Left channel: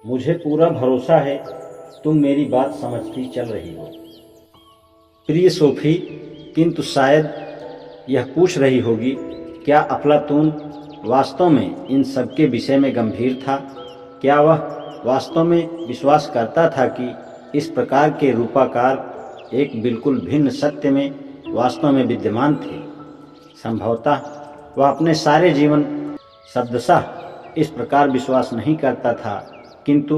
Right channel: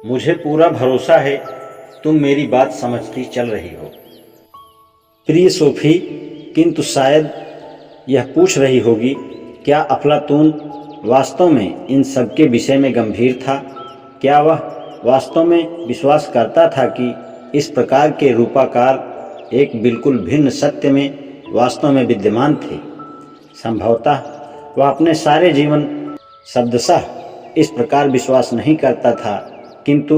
मुझे पूरा भरोसा है तुम मेरी बात समझती चल रही हो। प्रिय सोफी, किंतु शायद यह पूछ रही होगी, क्या अफलातून वास्तव में इन सब के विषय में गंभीर था? क्या वह वास्तव में विश्वास करता था कि इस प्रकार के रूपाकार एक बिल्कुल भिन्न सत्य में वास्तव में विद्यमान थे? संभवतः वह अपने सारे जीवन शब्दशः इस प्रकार विश्वास नहीं करता था, किंतु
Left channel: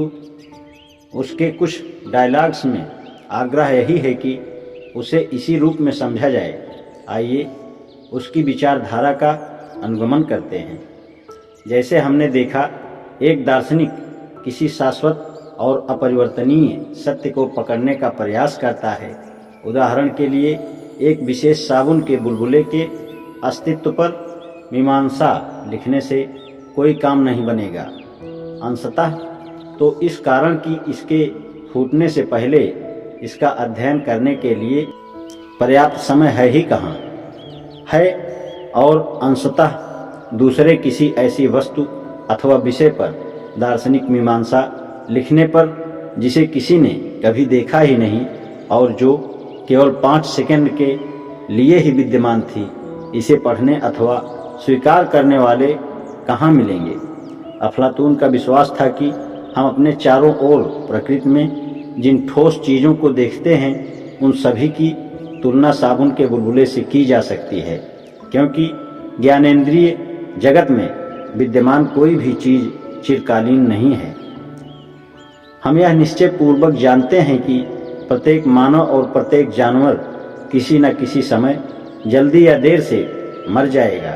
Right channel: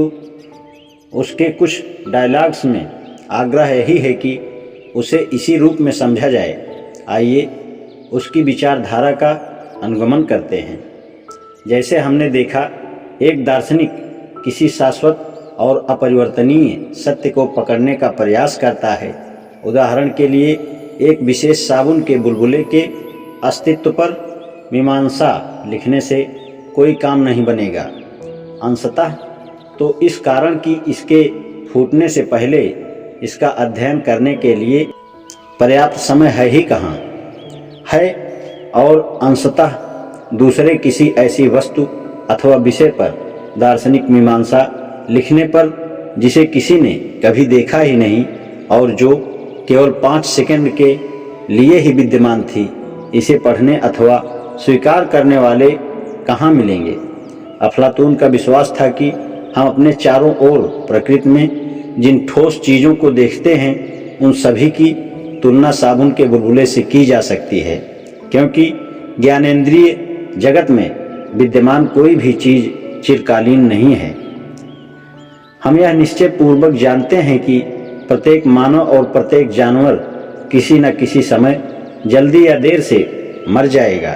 उसके कुछ डायलॉग्स में आग्रह यही है कि उसे इसी रूप में समझा जाए। आइए उसकी विचारधारा का अनुगमन करते हैं। जैसे हमने देखा, एक दार्शनिक किसी शाश्वत और अपरिवर्तनीय सत्य को पकड़ने का प्रयास करता है। उदाहरण के लिए, एक विशेष साबुन के बुलबुले के अस्तित्व पर मीमांसा लिखने से कोई काम नहीं बनेगा। अंशतः तो इस कारण कि इसके फूटने से पहले इसका अध्ययन करने के लिए पर्याप्त समय है ही कहाँ है, और अंशतः दूसरे किसी ऐसी वस्तु अथवा विषय पर दार्शनिक मीमांसा लिखने पर जिसे किसी ने कभी देखा ही नहीं और जो केवल 5 सेकंड के लिए ही विद्यमान थी, इसे पढ़ने अथवा स्वीकार करने वाले कहाँ मिलेंगे? अफलातून का विश्वास था कि हम अपने चारों ओर प्रकृति में जिन ठोस चीज़ों को देखते हैं, उन सभी की तुलना साबुन के बुलबुले से की जा सकती है, क्योंकि ज्ञानेंद्रिय जगत में विद्यमान कोई भी चीज़ चिरकालीन नहीं है। हम यह निश्चय पूर्वक जानते हैं कि प्रत्येक मानव और प्रत्येक जानवर किसी न किसी समय जल्दी या देर से मर जाएगा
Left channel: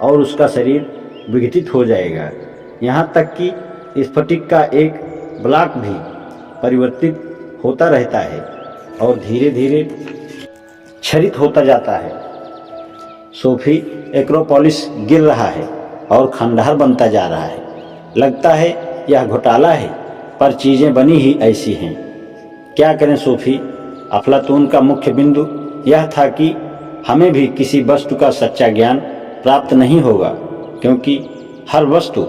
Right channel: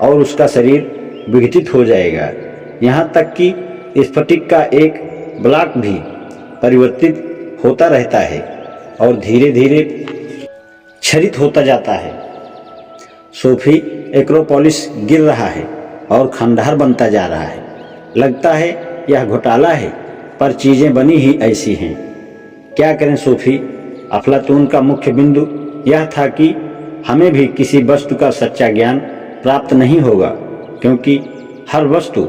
और उसका शरीर विघटित हो जाएगा। यहाँ तक कि स्फटिक का एक ब्लॉक भी परिवर्तित होता रहता है और धीरे धीरे क्षरित होता जाता है। सोफी, एक्रोपोलिस गिर रहा है और खंडहर बनता जा रहा है। लगता है यह घोटाला है, पर चीज़ें बनी ही ऐसी हैं। क्या करें सोफी? अफलातून का मुख्य बिंदु यह था कि हमें भी किसी वस्तु का सच्चा ज्ञान प्राप्त नहीं होगा, क्योंकि हर वस्तु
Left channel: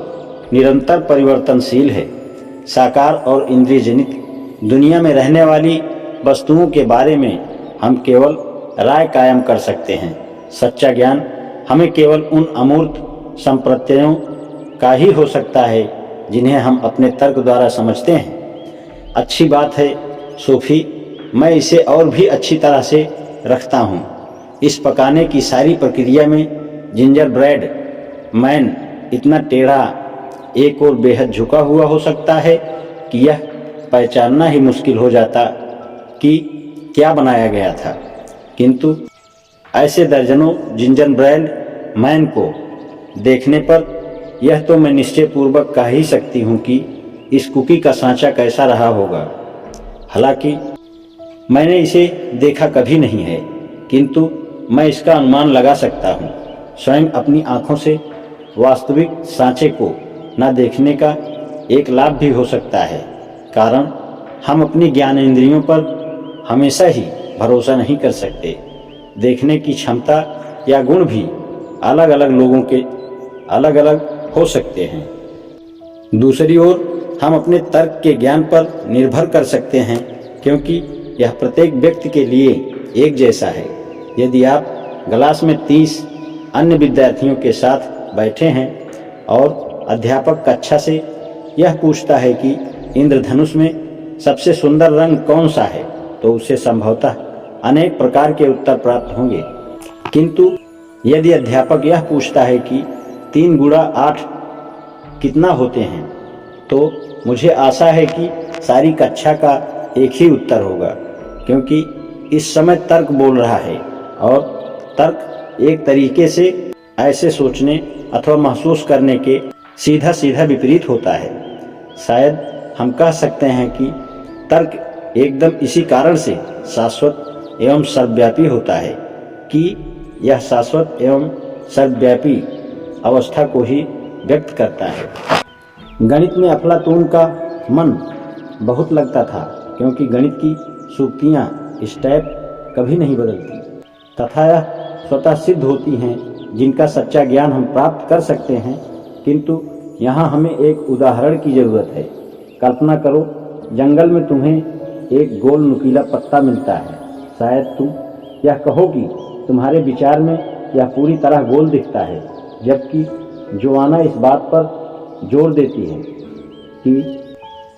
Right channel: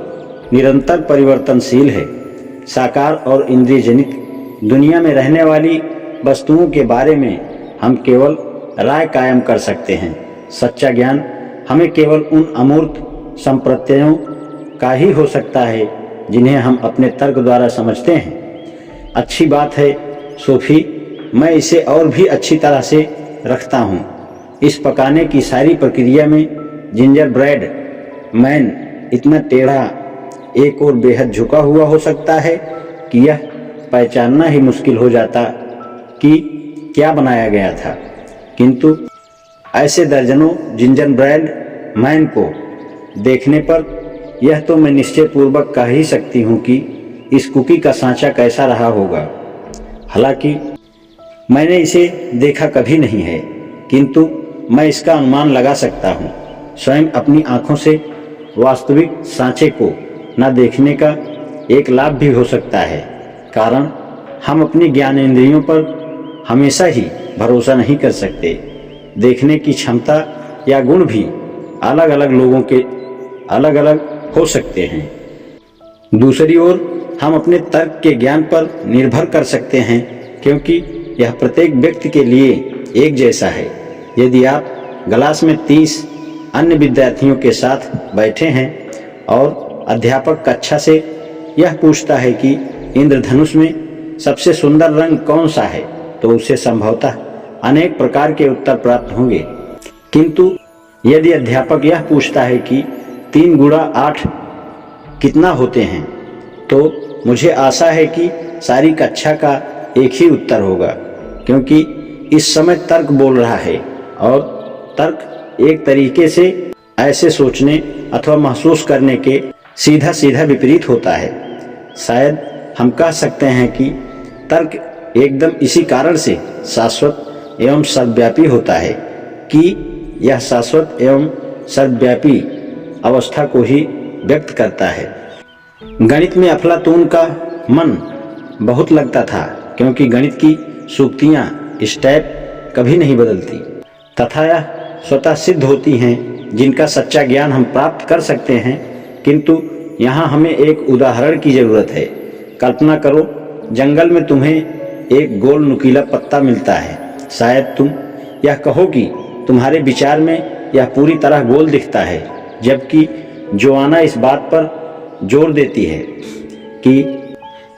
निरंतर परिवर्तनशील है। साकार और इंद्रिय जनित दुनिया में रहने वाली वस्तुओं के बारे में हम केवल राय कायम कर सकते हैं। सच्चा ज्ञान हमें केवल उन अमूर्त संप्रत्ययों का ही हो सकता है जिन्हें हम अपने तर्क द्वारा समझते हैं। अच्छी बात है सोफी, मैं इसे और भी अच्छी तरह से रखता हूँ। इस पकाने की सारी प्रक्रिया में जिंजर ब्रेड मैन इतना टेढ़ा, एक और बेहद झुका हुआ हो सकता है कि यह पहचानना ही मुश्किल हो जाता कि क्या बनाया गया था। किंतु ऐसे दर्जनों जिंजर ब्रेड मैन को देखने पर यह तो मैं निश्चय पूर्वक कह ही सकती हूँ कि इस कुकी का सांचा कैसा रहा होगा। हालांकि मैंने इसे देखा कभी नहीं है, किंतु मैं इसका अनुमान लगा सकता हूँ। स्वयं अपनी आँखों से वास्तविक सांचे को न देखने का एक लाभ भी हो सकता है, कारण हम अपनी ज्ञानेंद्रियों पर हमेशा ही भरोसा नहीं कर सकते। देखने की क्षमता या गुण भी अलग अलग लोगों के अलग अलग हो सकते हैं। दूसरी ओर हम अपने तर्क के ज्ञान पर निर्भर कर सकते हैं, क्योंकि यह प्रत्येक व्यक्ति के लिए एक जैसा है। यदि आप क्लास में 30 अन्य विद्यार्थियों के साथ बैठे हैं और अध्यापक कक्षा से यह पूछता है कि इंद्रधनुष में सबसे सुंदर रंग कौन सा है, तो उसे संभवतः अनेक प्रकार के उत्तर प्राप्त होंगे। किंतु यदि अध्यापक यह पूछता है कि 3 गुणा 8 कितना होते हैं, तो मुझे आशा है कि सारी कक्षा का एक ही उत्तर होगा, क्योंकि इस समय तर्क बोल रहा है और तर्क एक तरीके से ऐसे सोचने अथवा महसूस करने के सीधा सीधा विपरीत होता है। शायद हम कह सकते हैं कि तर्क एकदम इसी कारण से शाश्वत एवं सर्वव्यापी होता है कि यह शाश्वत एवं सर्वव्यापी अवस्था को ही व्यक्त करता है। गणित में अफलातून का मन बहुत लगता था, क्योंकि गणित की सूक्तियाँ स्टेप कभी नहीं बदलती तथा यह स्वतः सिद्ध होती हैं, जिनका सच्चा ज्ञान हम प्राप्त कर सकते हैं। किंतु यहाँ हमें एक उदाहरण की जरूरत है, कल्पना करो, जंगल में तुम्हें एक गोल नुकीला पत्ता मिलता है। शायद तुम यह कहो कि तुम्हारे विचार में यह पूरी तरह गोल दिखता है, जबकि जोआना इस बात पर जोर देती है कि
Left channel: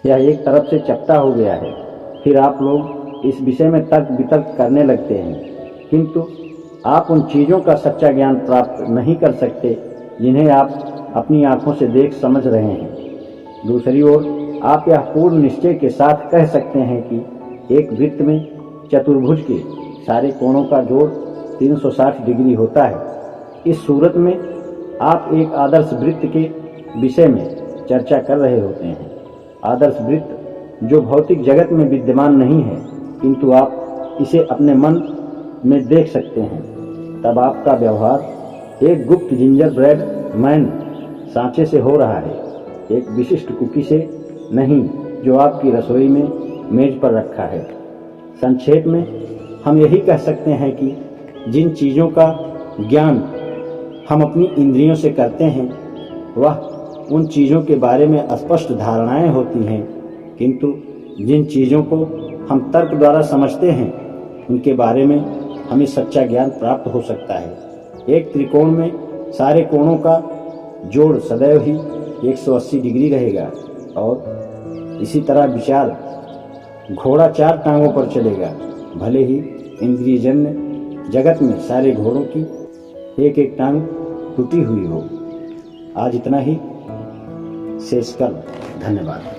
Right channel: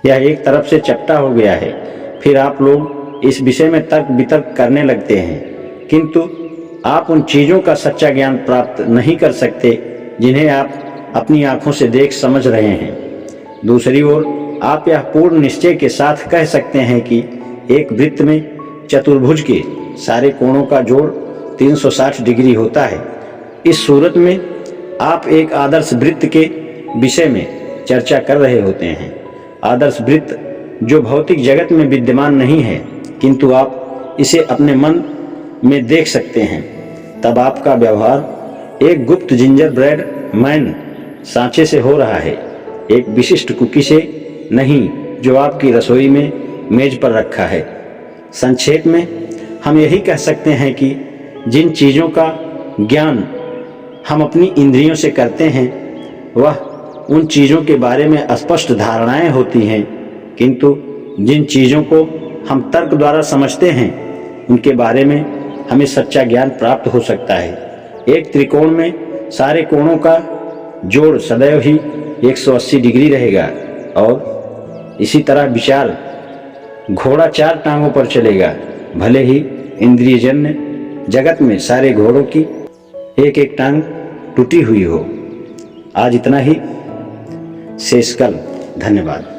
यह एक तरफ से चपटा हो गया है। फिर आप लोग इस विषय में तर्क वितर्क करने लगते हैं, किंतु आप उन चीज़ों का सच्चा ज्ञान प्राप्त नहीं कर सकते जिन्हें आप अपनी आंखों से देख समझ रहे हैं। दूसरी ओर आप यह पूर्ण निश्चय के साथ कह सकते हैं कि एक वृत्त में चतुर्भुज के सारे कोणों का जोड़ 360 डिग्री होता है। इस सूरत में आप एक आदर्श वृत्त के विषय में चर्चा कर रहे होते हैं। आदर्श वृत्त जो भौतिक जगत में विद्यमान नहीं है, किंतु आप इसे अपने मन में देख सकते हैं। तब आपका व्यवहार एक गुप्त जिंजर ब्रेड मैन सांचे से हो रहा है, एक विशिष्ट कुकी से नहीं जो आपकी रसोई में मेज पर रखा है। संक्षेप में हम यही कह सकते हैं कि जिन चीज़ों का ज्ञान हम अपनी इंद्रियों से करते हैं, वह उन चीज़ों के बारे में स्पष्ट धारणाएं होती हैं, किंतु जिन चीज़ों को हम तर्क द्वारा समझते हैं, उनके बारे में हमें सच्चा ज्ञान प्राप्त हो सकता है। एक त्रिकोण में सारे कोणों का जोड़ सदैव ही 180 डिग्री रहेगा, और इसी तरह विचार घोड़ा 4 टांगों पर चलेगा, भले ही इंद्रियजन्य जगत में सारे घोड़ों की एक एक टांग टूटी हुई हो। आज इतना ही, शेष कल। धन्यवाद।